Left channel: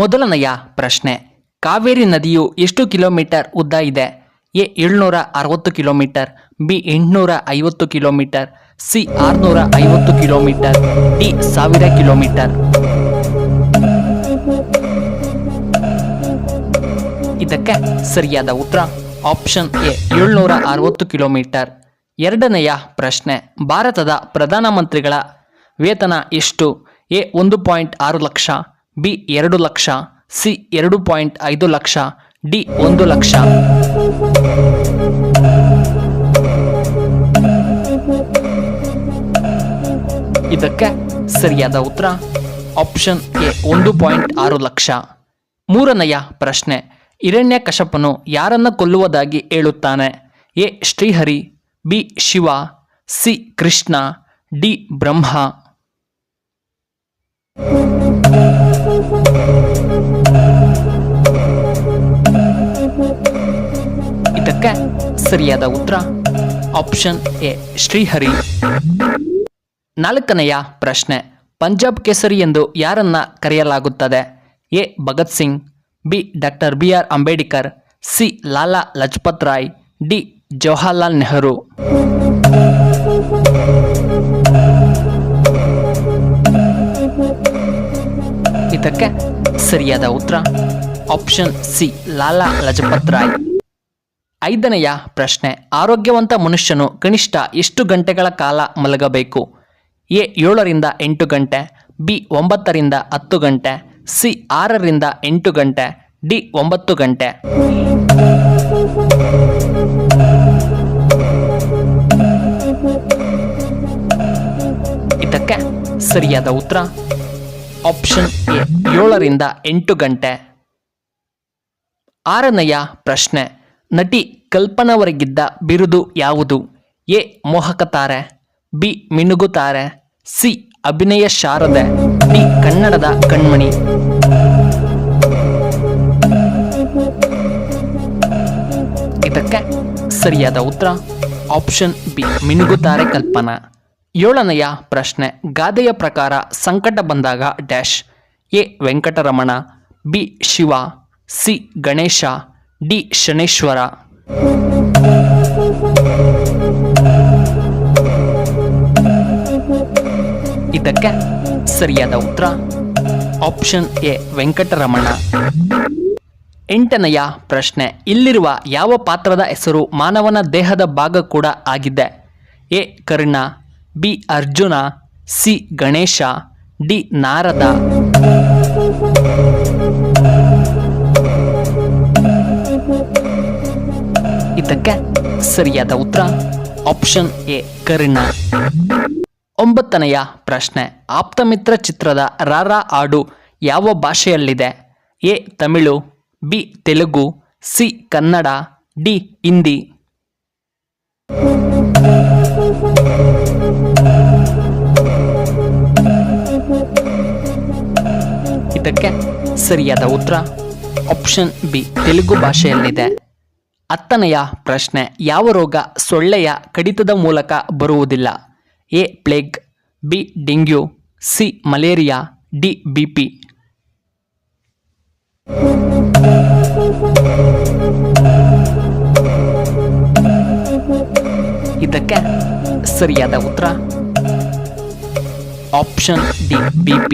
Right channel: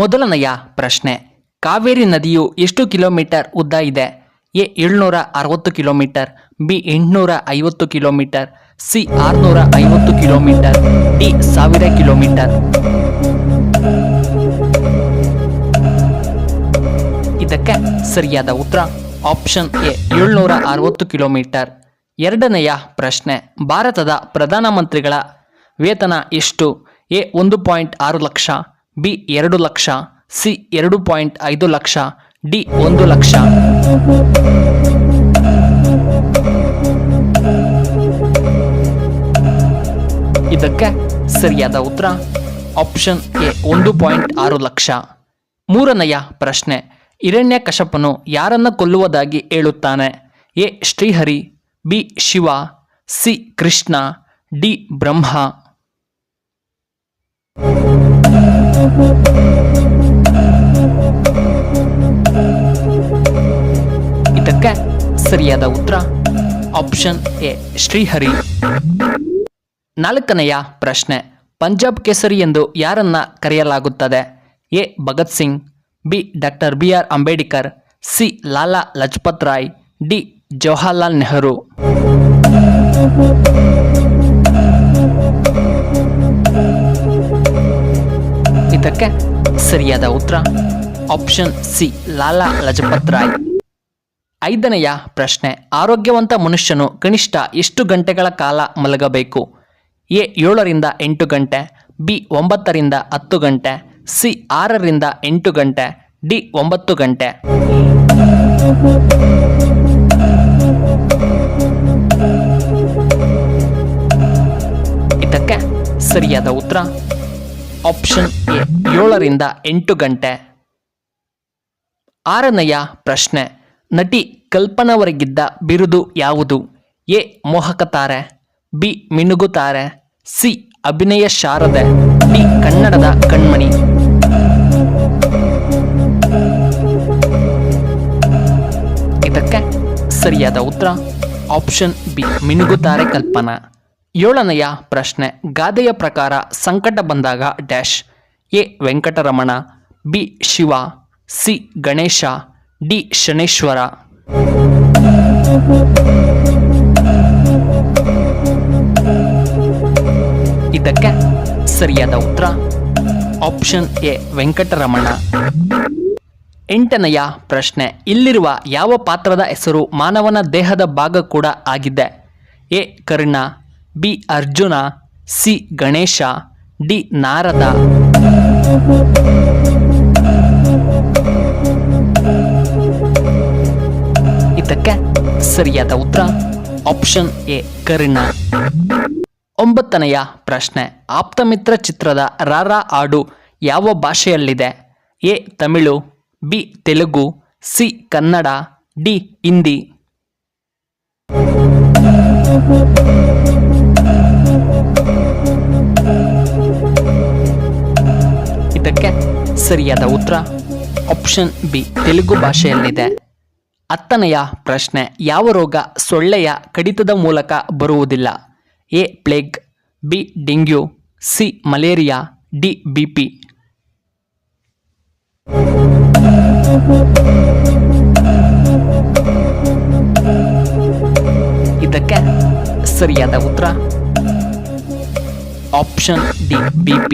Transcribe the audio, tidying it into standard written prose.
ಮೊದಲನೆಯ ಪ್ರಶ್ನೆ, ಕಾವೇರಿ ನದಿಯು ಎಷ್ಟು ಕಿಲೋಮೀಟರ್ ಉದ್ದ ಇದೆ? A 760 kilometre, B 850 kilometre, C 650 kilometre, D 1000 kilometre. ಇದಕ್ಕೆ ಸರಿಯಾದ ಉತ್ತರ ಆಪ್ಷನ್ ಎ 760 ಕಿಲೋಮೀಟರ್. ಎರಡನೆಯ ಪ್ರಶ್ನೆ, ಭಾರತದ ಪ್ರಧಾನಮಂತ್ರಿಗಳ ವೇತನ ಎಷ್ಟು? A 1.6 lakh, B 2 lakh, C 2.5 lakh, D 1 lakh. ಇದಕ್ಕೆ ಸರಿಯಾದ ಉತ್ತರ ಆಪ್ಷನ್ ಎ 1.6 ಲಕ್ಷ. ಮೂರನೆಯ ಪ್ರಶ್ನೆ, ಹಿರಣ್ಯಕಶಪನು ಯಾರನ್ನ ಕೊಲ್ಲುವುದಾಗಿ ಹೇಳುತ್ತಾನೆ? A Srihari, B Shiva, C Krishna, D Brahma. ಇದಕ್ಕೆ ಸರಿಯಾದ ಉತ್ತರ ಆಪ್ಷನ್ ಎ ಶ್ರೀಹರಿ. ನಾಲ್ಕನೆಯ ಪ್ರಶ್ನೆ, ಪಂಜಾಬ್ ಕೇಸರಿ ಎಂದು ಯಾರನ್ನ ಕರೆಯಲಾಗುತ್ತದೆ? A Bhagat Singh, B doctor BR Ambedkar, C Lala Lajpat Rai, D Jawaharlal Nehru. ಇದಕ್ಕೆ ಸರಿಯಾದ ಉತ್ತರ ಆಪ್ಷನ್ ಸಿ ಲಾಲಾ ಲಜಪತ್ ರಾಯ್. ಐದನೆಯ ಪ್ರಶ್ನೆ, ಆರೋಗ್ಯವಂತ ಮನುಷ್ಯನು ಕನಿಷ್ಠ ಎಷ್ಟು ಗಂಟೆಗಳ ಕಾಲ ಮಲಗಬೇಕು? ಎ 7ರಿಂದ 8 ಗಂಟೆ, ಬಿ 9ರಿಂದ 10 ಗಂಟೆ, ಸಿ 6ರಿಂದ 8 ಗಂಟೆ, ಡಿ 9 ಗಂಟೆ. ಇದಕ್ಕೆ ಸರಿಯಾದ ಉತ್ತರ ಆಪ್ಷನ್ ಎ 7ರಿಂದ 8 ಗಂಟೆ. ಆರನೆಯ ಪ್ರಶ್ನೆ, ನಟಿ ಕಲ್ಪನವರಿಗಿದ್ದ ಬಿರುದು ಯಾವುದು? ಎ ಮೋಹಕ ತಾರೆ, ಬಿ ಮಿನುಗುತಾರೆ, ಸಿ ಅಭಿನಯ ಶಾರದೆ, ಡಿ ಕನ್ನಡದ ಕಣ್ಮಣಿ. ಇದಕ್ಕೆ ಸರಿಯಾದ ಉತ್ತರ ಆಪ್ಷನ್ ಬಿ ಮಿನುಗುತಾರೆ ಕಲ್ಪನಾ. ಏಳನೆಯ ಪ್ರಶ್ನೆ, ಗಾದೆಯ ಪ್ರಕಾರ ಸಂಕಟ ಬಂದಾಗ dash? A Venkataramana, B Shiva, C Ganesha, D Shaneshwara. ಇದಕ್ಕೆ ಸರಿಯಾದ ಉತ್ತರ ಆಪ್ಷನ್ ಎ ವೆಂಕಟರಮಣ. ಎಂಟನೆಯ ಪ್ರಶ್ನೆ, ಇಲ್ಲಿರುವ ಯಾವ ಪಾತ್ರದ ಹೆಸರು ಮಾನವನ ದೇಹದ ಭಾಗ ಕೂಡ ಆಗಿದೆ? A Karna, B Arjuna, C Ganesha, D Narada. ಇದಕ್ಕೆ ಸರಿಯಾದ ಉತ್ತರ ಆಪ್ಷನ್ ಎ ಕರ್ಣ. ಒಂಬತ್ತನೆಯ ಪ್ರಶ್ನೆ, ಆಪ್ತಮಿತ್ರ ಚಿತ್ರದ ರಾರಾ ಹಾಡು ಯಾವ ಭಾಷೆಯಲ್ಲಿದೆ? A Tamil, B Telugu, C Kannada, D Hindi. ಇದಕ್ಕೆ ಸರಿಯಾದ ಉತ್ತರ ಆಪ್ಷನ್ ಬಿ ತೆಲುಗು ಭಾಷೆಯಲ್ಲಿದೆ. ಹತ್ತನೆಯ ಪ್ರಶ್ನೆ, ಯಾವ ರೋಗ ಸೊಳ್ಳೆಯ ಕಡಿತದ ಮೂಲಕ ಬರುವುದಿಲ್ಲ? A plague, B dengue, C malaria, D BP. ಇದಕ್ಕೆ ಸರಿಯಾದ ಉತ್ತರ ಆಪ್ಷನ್ ಡಿ BP.